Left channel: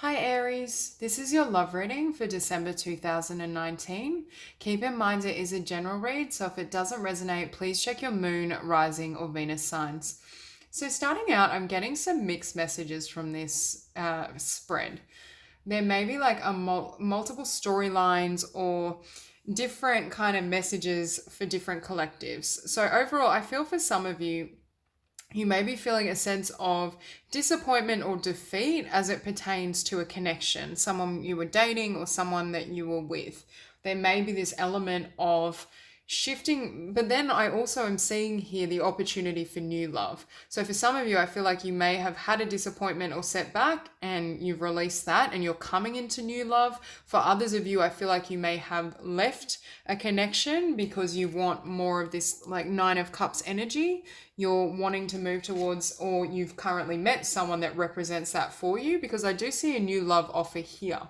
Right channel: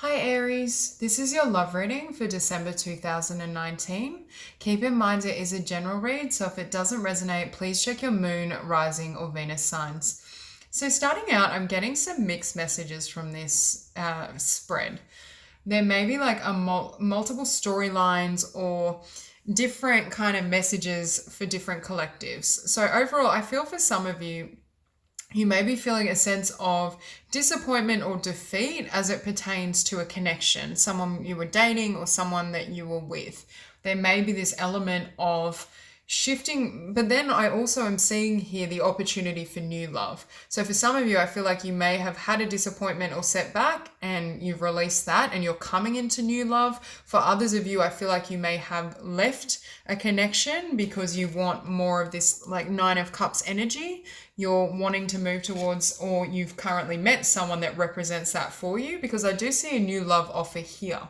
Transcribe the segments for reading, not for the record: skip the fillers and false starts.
Hi Aries, this is your love reading for December 2019. Keep in mind it is a general read, so if it doesn't resonate, please check your moon, rising, or Venus signs. So, starting out, I'm getting some mixed messages from this spread. There may be like multiple storylines or different kind of messages for different collectives. So, overall, I feel for some of you, you may be feeling a sense of disappointment or defeat as it pertains to a connection, someone you were dating or someone that you were with. There may be this element of shifting, but then I also am seeing here the opportunity for new love. So for some of you, I feel like you may have had a disappointment or setback and you've released that and you're coming into new love. For others of you, I feel like you may have left a connection because you want more of this like Nine of Cups energy. You're wanting to move towards, or you've currently met someone that represents that for you, because I do see a new love offer here.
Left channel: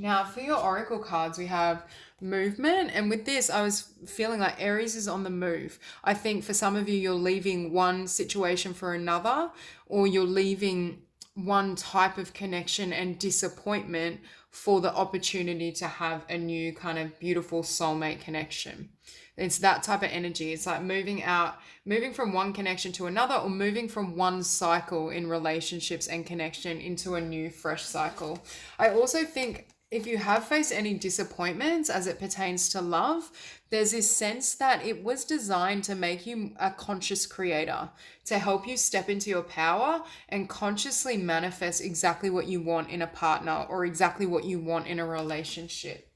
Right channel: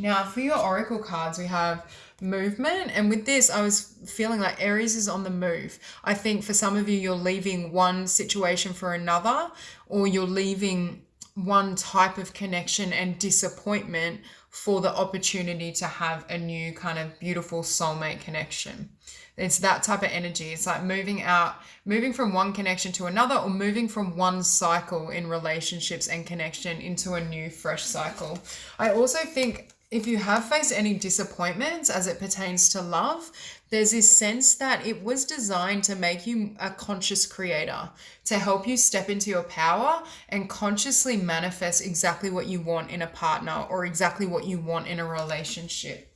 Now, for your oracle cards, we have movement. And with this, I was feeling like Aries is on the move. I think for some of you, you're leaving one situation for another, or you're leaving one type of connection and disappointment for the opportunity to have a new kind of beautiful soulmate connection. It's that type of energy. It's like moving from one connection to another, or moving from one cycle in relationships and connection into a new, fresh cycle. I also think if you have faced any disappointments as it pertains to love, there's this sense that it was designed to make you a conscious creator, to help you step into your power and consciously manifest exactly what you want in a partner or exactly what you want in a relationship.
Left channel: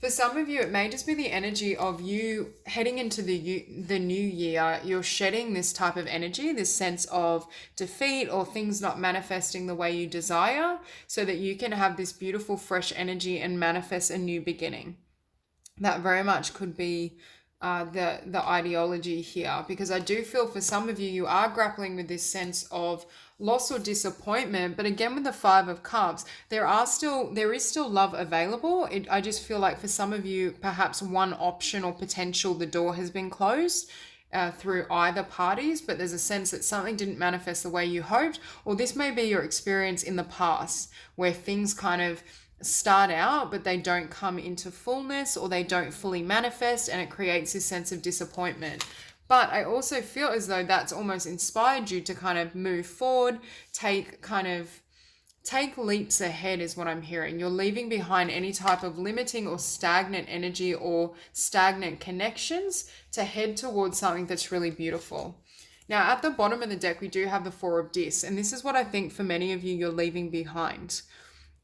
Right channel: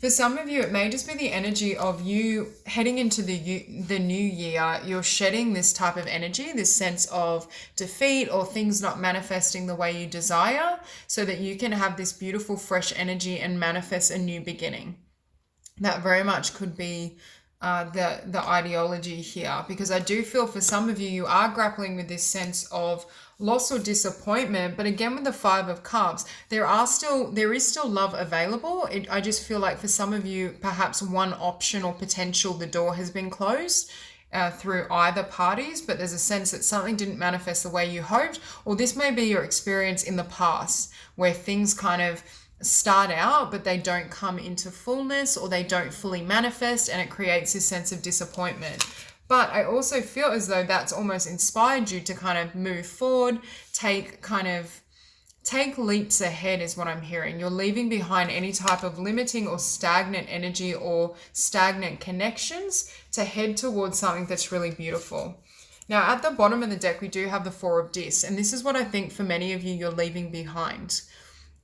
For some of you, it may just be the energy of you heading into the new year. You're shedding this type of energy, this sense of defeat or things not manifesting the way you desire, so that you can have this beautiful, fresh energy and manifest a new beginning. That very much could be the ideology here, because I do feel for some of you, you are grappling with this sense of loss or disappointment. But again, with the Five of Cups, there is still love available. I just feel like for some of you, perhaps one option or potential, the door has been closed through either parties, but there's a sense that something didn't manifest the way you hoped, or this may be your experience in the past where things kind of start out but they don't come into fullness, or they don't fully manifest, and it creates this sense of disappointment. But I also feel as though that's almost inspired you to kind of move forward, take leaps ahead is what I'm hearing. You're leaving behind any type of limiting or stagnant energy or stagnant connections to head towards something that's really beautiful. Now, at the bottom of the deck, we do have the Four of Discs, and this is what I think for many of you, you're leaving behind.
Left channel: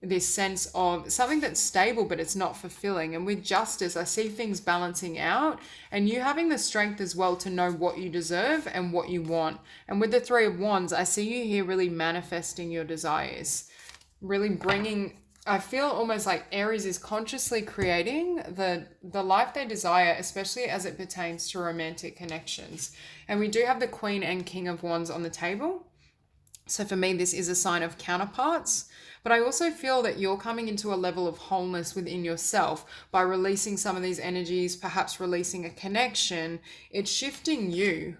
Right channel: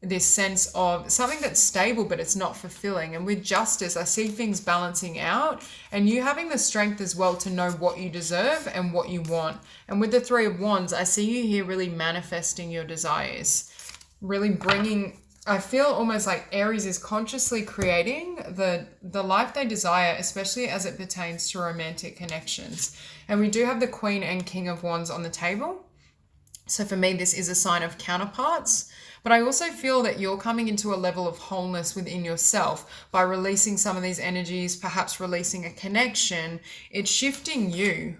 This sense of something that's stable but it's not fulfilling. And with Justice, I see things balancing out and you having the strength as well to know what you deserve and what you want. And with the Three of Wands, I see you here really manifesting your desires, really bringing, I feel almost like Aries is consciously creating the life they desire, especially as it pertains to romantic connections. And we do have the Queen and King of Wands on the table. So for me, this is a sign of counterparts. But I also feel that you're coming into a level of wholeness within yourself by releasing some of these energies, perhaps releasing a connection. It's shifting you.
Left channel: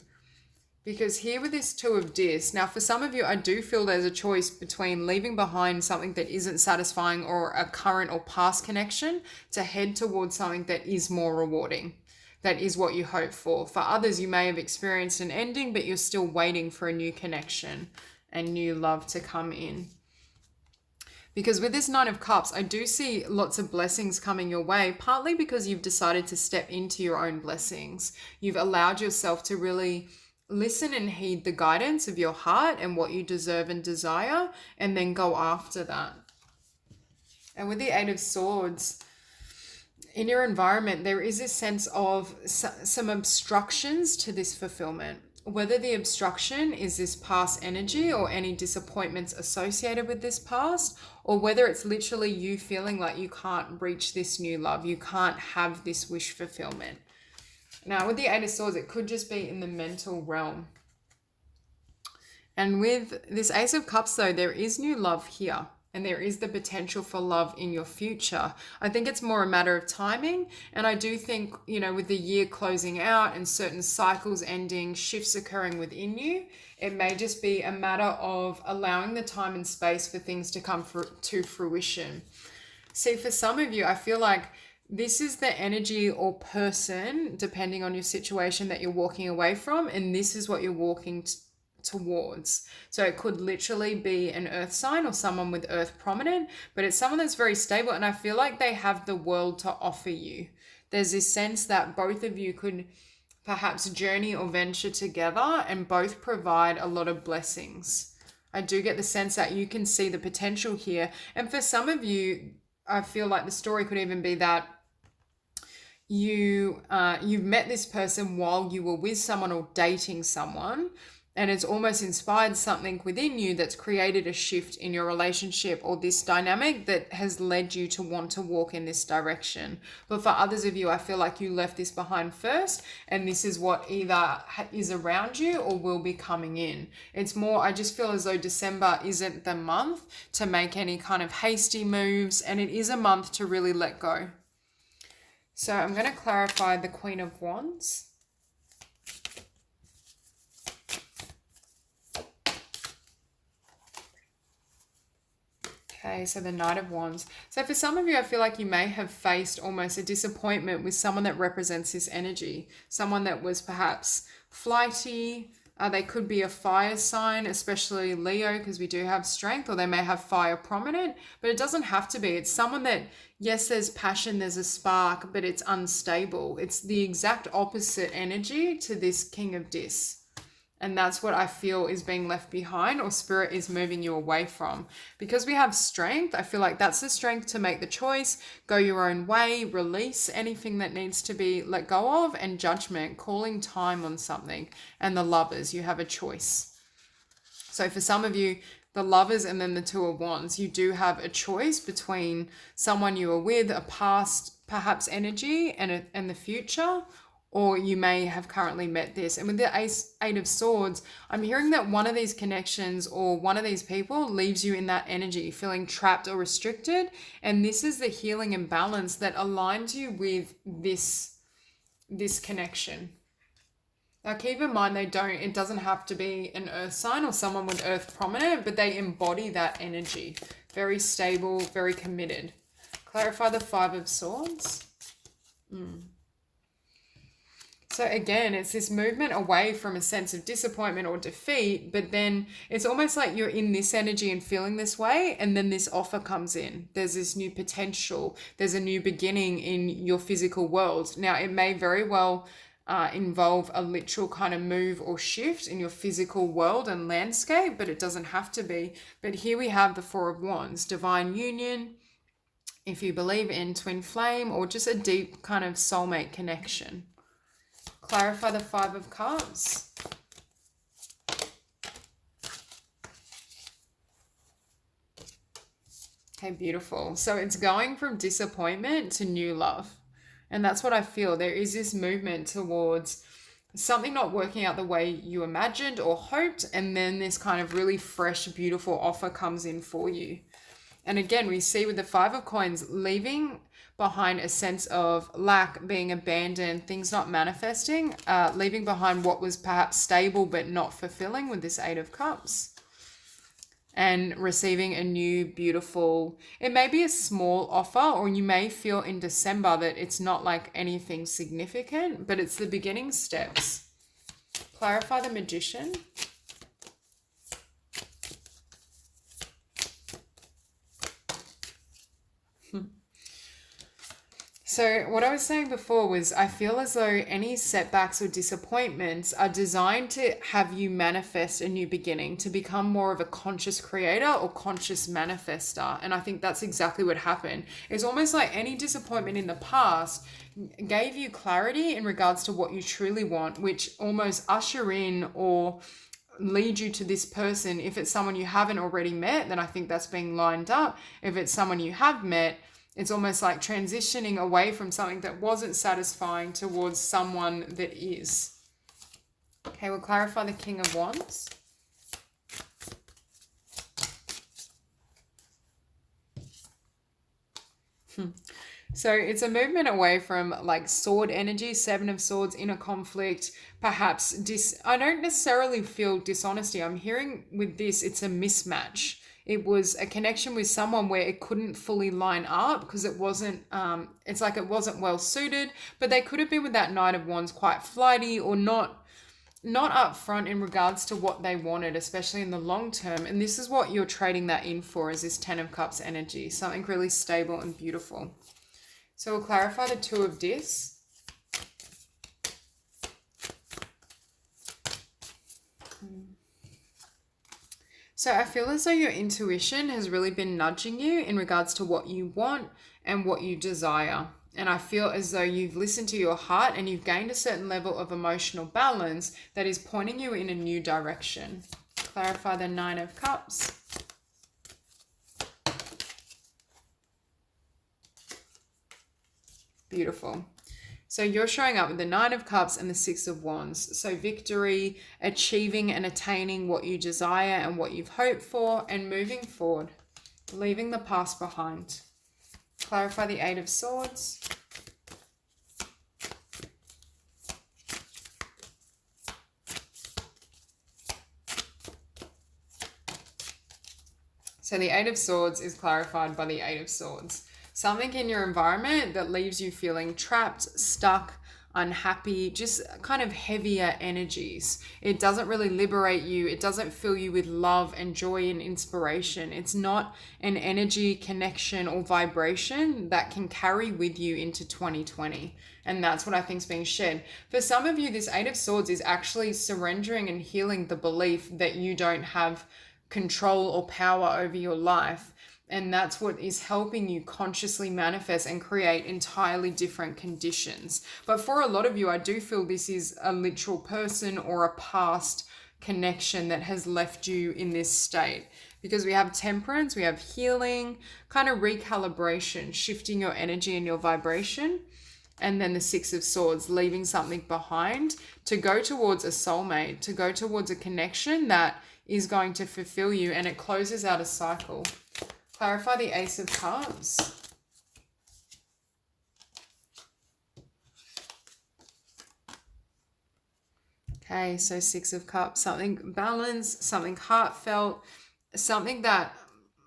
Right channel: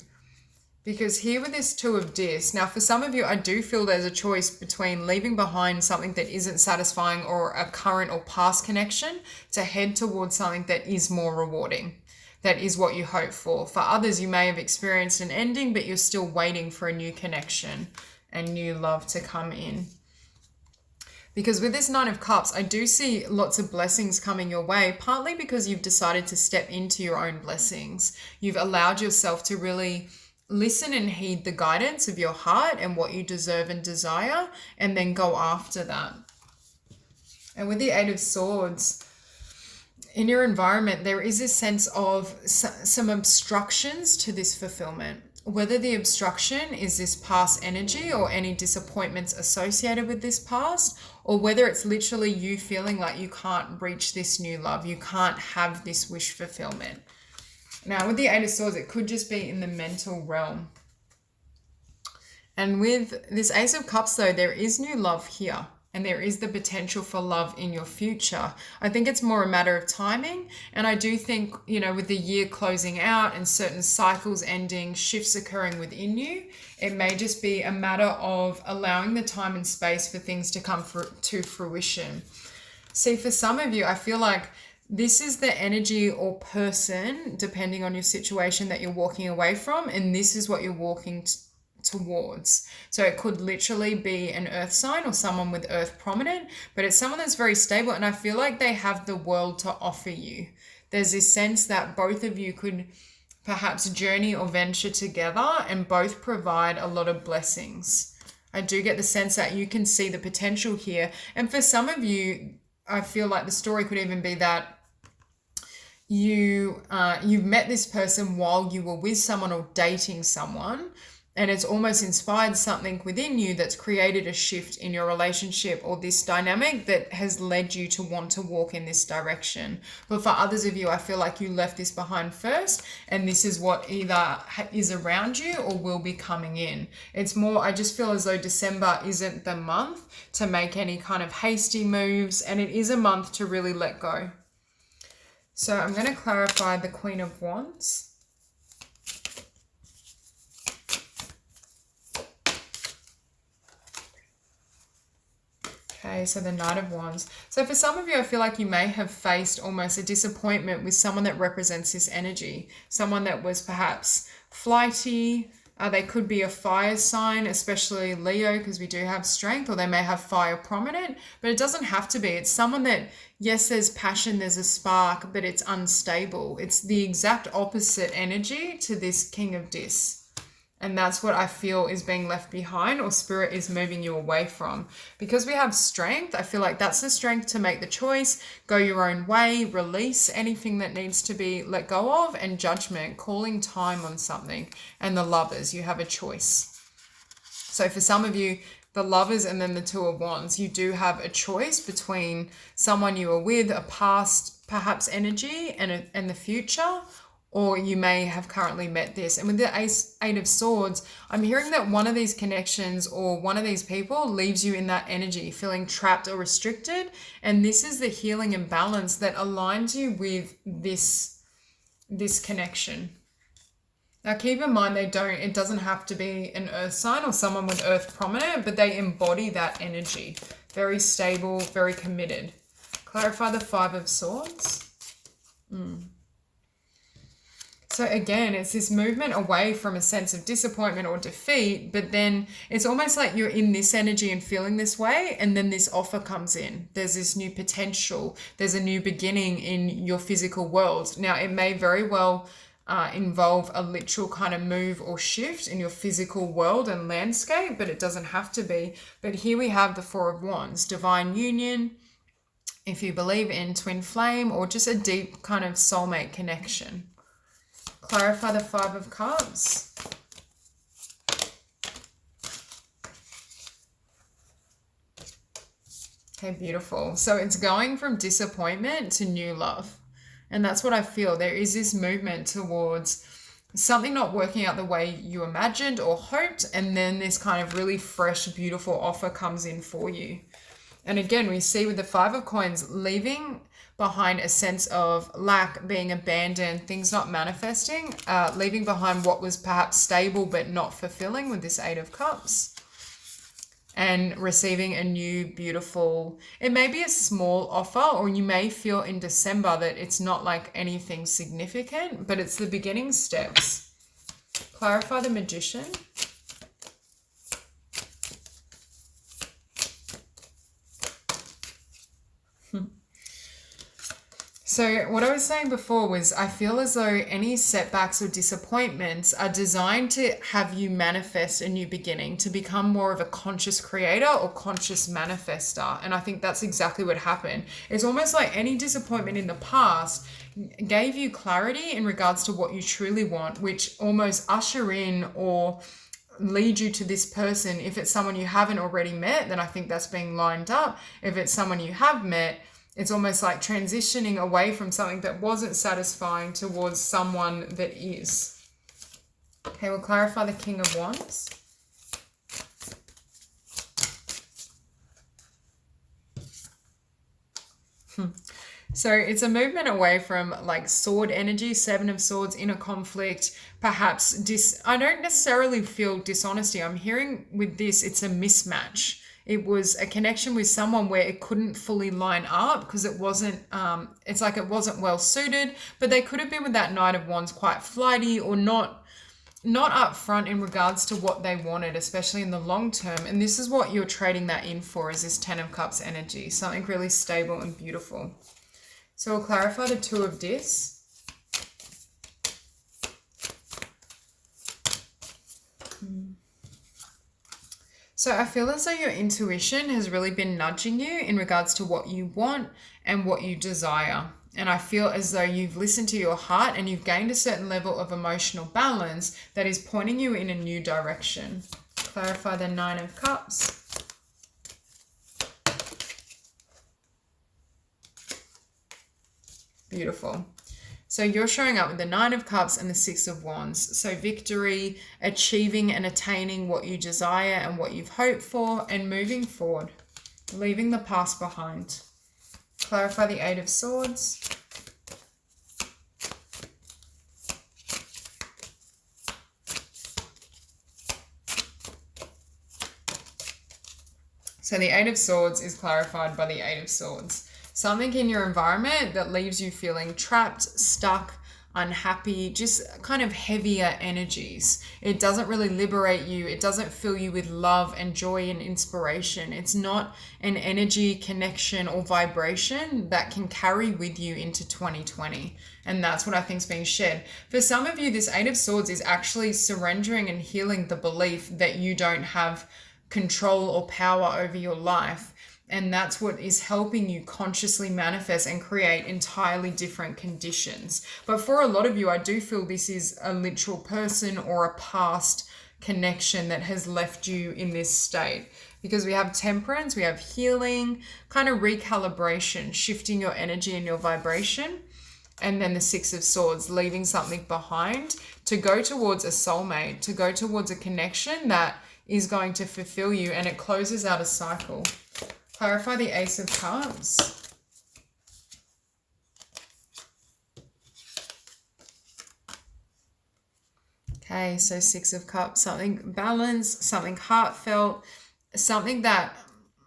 Because here with this Two of Discs, now for some of you, I do feel there's a choice between leaving behind something that isn't satisfying or a current or past connection to head towards something that is more rewarding. That is what you hope for. For others, you may have experienced an ending, but you're still waiting for a new connection and new love to come in. Because with this Nine of Cups, I do see lots of blessings coming your way, partly because you've decided to step into your own blessings. You've allowed yourself to really listen and heed the guidance of your heart and what you deserve and desire, and then go after that. And with the Eight of Swords, in your environment, there is a sense of some obstructions to this fulfillment. Whether the obstruction is this past energy or any disappointments associated with this past, or whether it's literally you feeling like you can't reach this new love, you can't have this wish fulfillment. Now, with the Eight of Swords, it could just be in the mental realm. And with this Ace of Cups, though, there is new love here. and there is the potential for love in your future. I think it's more a matter of timing. And I do think, with the year closing out and certain cycles ending, shifts occurring within you, it may just be a matter of allowing the time and space for things to come to fruition. See, for some of you, I feel like this is the energy or person, depending on your situation, that you're walking away from, and this is what you're walking towards. So it could literally be an earth sign or someone with earth prominent, but it's someone that's very stable, and I feel like they have the world to offer you. There's this sense that both of you could perhaps journey or venture together and both provide a lot of blessings. I do get the sense that you can see the potential here. And for some of you, I feel like the story could even be that you've met this person while you were with someone or dating someone, and it's almost inspired something within you that's created a shift in your relationship or this dynamic that has led you to want to walk in this direction. But for others of you, I feel like you left this behind first, and this is what either is around you or will be coming in. It's more, I just feel as though December isn't the month to make any kind of hasty moves, and it is a month to really let go. So I'm going to clarify the Queen of Wands. Okay, so the Knight of Wands. So for some of you, I feel like you may have faced almost a disappointment with someone that represents this energy. Someone that was perhaps flighty. They could be a fire sign, especially Leo, because we do have strength, or they may have fire prominent, but it doesn't have to be. It's someone that, yes, there's passion, there's a spark, but it's unstable. It's the exact opposite energy to this King of Dis. And that's what I feel is being left behind, or spirit is moving you away from. Because we have strength, I feel like that's the strength to make the choice, go your own way, release anything that needs to be let go of, and judgment, calling time on something. And the Lovers, you have a choice. So for some of you, the Lovers and then the Two of Wands, you do have a choice between someone you were with, a past perhaps energy, and the future, or you may have currently met this. And with the Eight of Swords, I'm hearing that one of these connections or one of these people leaves you in that energy, feeling trapped or restricted. And this is the healing and balance that aligns you with this connection. Now keep in mind, it doesn't have to be an earth sign or someone with earth prominent, but they embody that energy. Very stable, very committed. Clarify the Five of Swords. So again, it's this movement away from a sense of disappointment or defeat, but then it's almost like you're in this energy and feeling this way, and then this offer comes in. There's this new potential. There's a new beginning in your physical world. Now, it may very well involve a literal kind of move or shift in your physical world and landscape, but it doesn't have to be. But here we have the Four of Wands, divine union, if you believe in twin flame, or just a deep kind of soulmate connection. Clarify the Five of Cups. Okay, beautiful. So it's going from disappointment to new love. And that's what I feel. There is this movement towards something not working out the way you imagined or hoped, and then this kind of really fresh, beautiful offer comes in for you. And again, we see with the Five of Coins, leaving behind a sense of lack, being abandoned, things not manifesting, leaving behind what was perhaps stable but not fulfilling with this Eight of Cups, and receiving a new beautiful, it may be a small offer, or you may feel in December that it's not like anything significant, but it's the beginning steps. Clarify the Magician. So what I was saying before was, I feel as though any setbacks or disappointments are designed to have you manifest a new beginning, to become more of a conscious creator or conscious manifester. And I think that's exactly what happened. It's almost like any disappointment in the past gave you clarity in regards to what you truly want, which almost usher in or lead you to this person. If it's someone you haven't already met, then I think that's being lined up. If it's someone you have met, it's almost like transitioning away from something that wasn't satisfying towards someone that is. Okay, we'll clarify the King of Wands. So it's a movement away from like sword energy, Seven of Swords, inner conflict, perhaps I don't necessarily feel dishonesty. I'm hearing with this, it's a mismatch. It was a connection with someone where it couldn't fully line up because it wasn't, it's like it wasn't well suited, but they could have been with that Knight of Wands quite flighty or not upfront in regards to what they wanted, especially in the long term. And this is what you're trading that in for, is this Ten of Cups energy, something really stable and beautiful. So we'll clarify the Two of Discs. So I feel as though your intuition has really been nudging you in regards to what you want and what you desire. And I feel as though you've listened to your heart and you've gained a certain level of emotional balance that is pointing you in a new direction. Clarify the Nine of Cups. Beautiful. So you're showing up with the Nine of Cups and the Six of Wands. So victory, achieving and attaining what you desire and what you've hoped for, and moving forward, leaving the past behind. Clarify the Eight of Swords. So the Eight of Swords is clarified by the Eight of Swords. Something in your environment that leaves you feeling trapped, stuck, unhappy, just kind of heavier energies. It doesn't really liberate you. It doesn't fill you with love and joy and inspiration. It's not an energy, connection, or vibration that can carry with you into 2020. And that's what I think is being shared. For some of you, this Eight of Swords is actually surrendering and healing the belief that you don't have control or power over your life. And that's what is helping you consciously manifest and create entirely different conditions. But for a lot of you, I do feel this is a literal person or a past connection that has left you in this state. Because we have temperance, we have healing, kind of recalibration, shifting your energy and your vibration. And then the Six of Swords, leaving something behind to go towards a soulmate, to go towards a connection that is going to fulfill you, and it closes out a cycle. Clarify the Ace of Cups. Okay, so Six of Cups, something balanced, something heartfelt, something that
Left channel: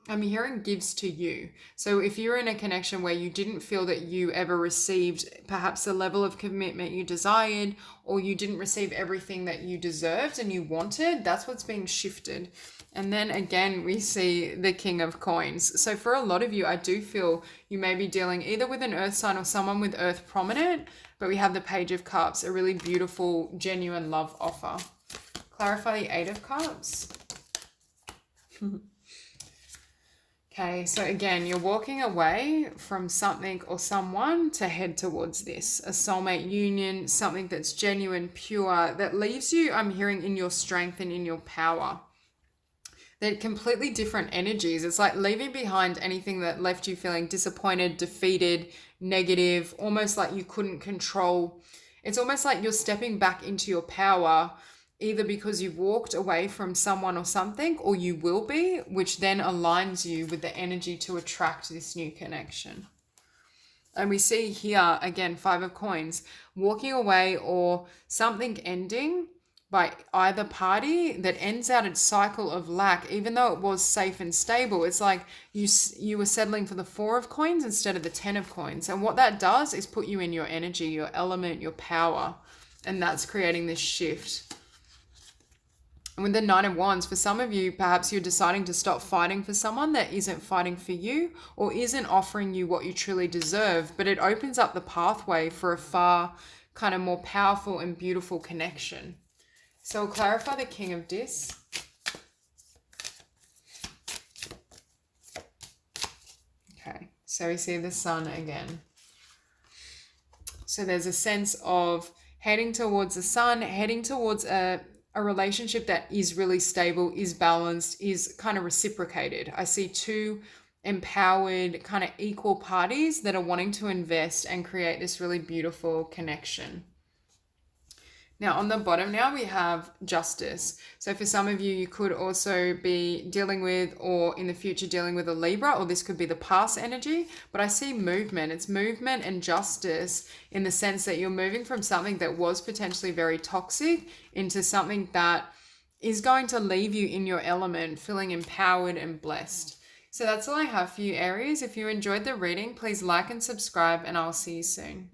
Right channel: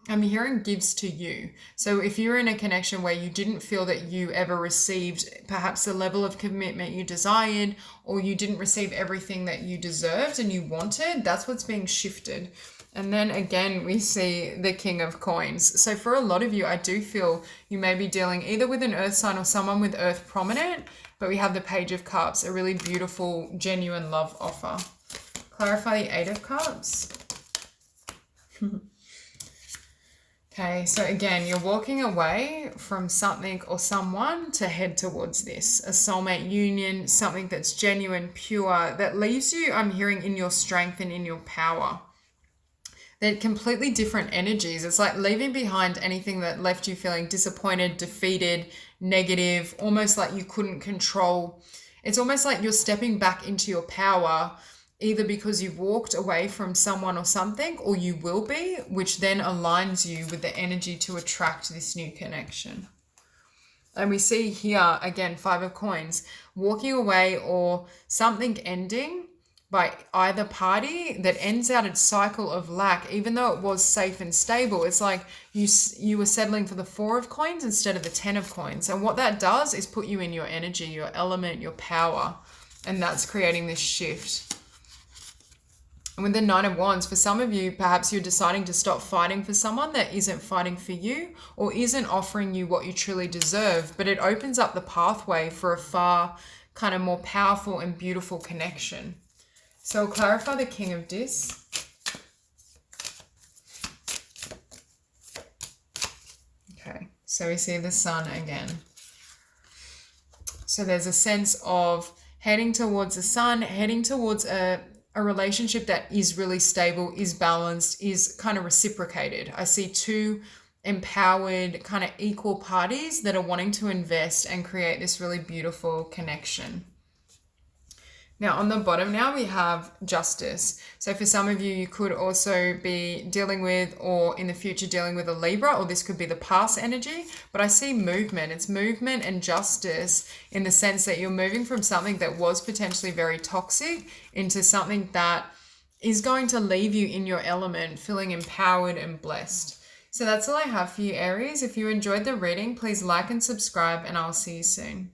I'm hearing gives to you. So if you're in a connection where you didn't feel that you ever received perhaps the level of commitment you desired, or you didn't receive everything that you deserved and you wanted, that's what's being shifted. And then again, we see the King of Coins. So for a lot of you, I do feel you may be dealing either with an earth sign or someone with earth prominent, but we have the Page of Cups, a really beautiful, genuine love offer. Clarify the Eight of Cups. Okay, so again, you're walking away from something or someone to head towards this, a soulmate union, something that's genuine, pure, that leaves you, I'm hearing, in your strength and in your power. They're completely different energies. It's like leaving behind anything that left you feeling disappointed, defeated, negative, almost like you couldn't control. It's almost like you're stepping back into your power, either because you walked away from someone or something, or you will be, which then aligns you with the energy to attract this new connection. And we see here, again, Five of Coins, walking away or something ending by either party that ends out its cycle of lack, even though it was safe and stable. It's like you were settling for the Four of Coins instead of the 10 of Coins. And what that does is put you in your energy, your element, your power. And that's creating this shift. And with the Nine of Wands, for some of you, perhaps you're deciding to stop fighting for someone that isn't fighting for you or isn't offering you what you truly deserve, but it opens up the pathway for a far kind of more powerful and beautiful connection. So I'll clarify the King of Discs. Okay, so we see the Sun again. So there's a sense of heading towards the Sun, heading towards a relationship that is really stable, is balanced, is kind of reciprocated. I see two empowered, kind of equal parties that are wanting to invest and create this really beautiful connection. Now, on the bottom now, we have justice. So for some of you, you could also be dealing with, or in the future, dealing with a Libra, or this could be the past energy. But I see movement. It's movement and justice in the sense that you're moving from something that was potentially very toxic into something that is going to leave you in your element, feeling empowered and blessed. So that's all I have for you, Aries. If you enjoyed the reading, please like and subscribe, and I'll see you soon.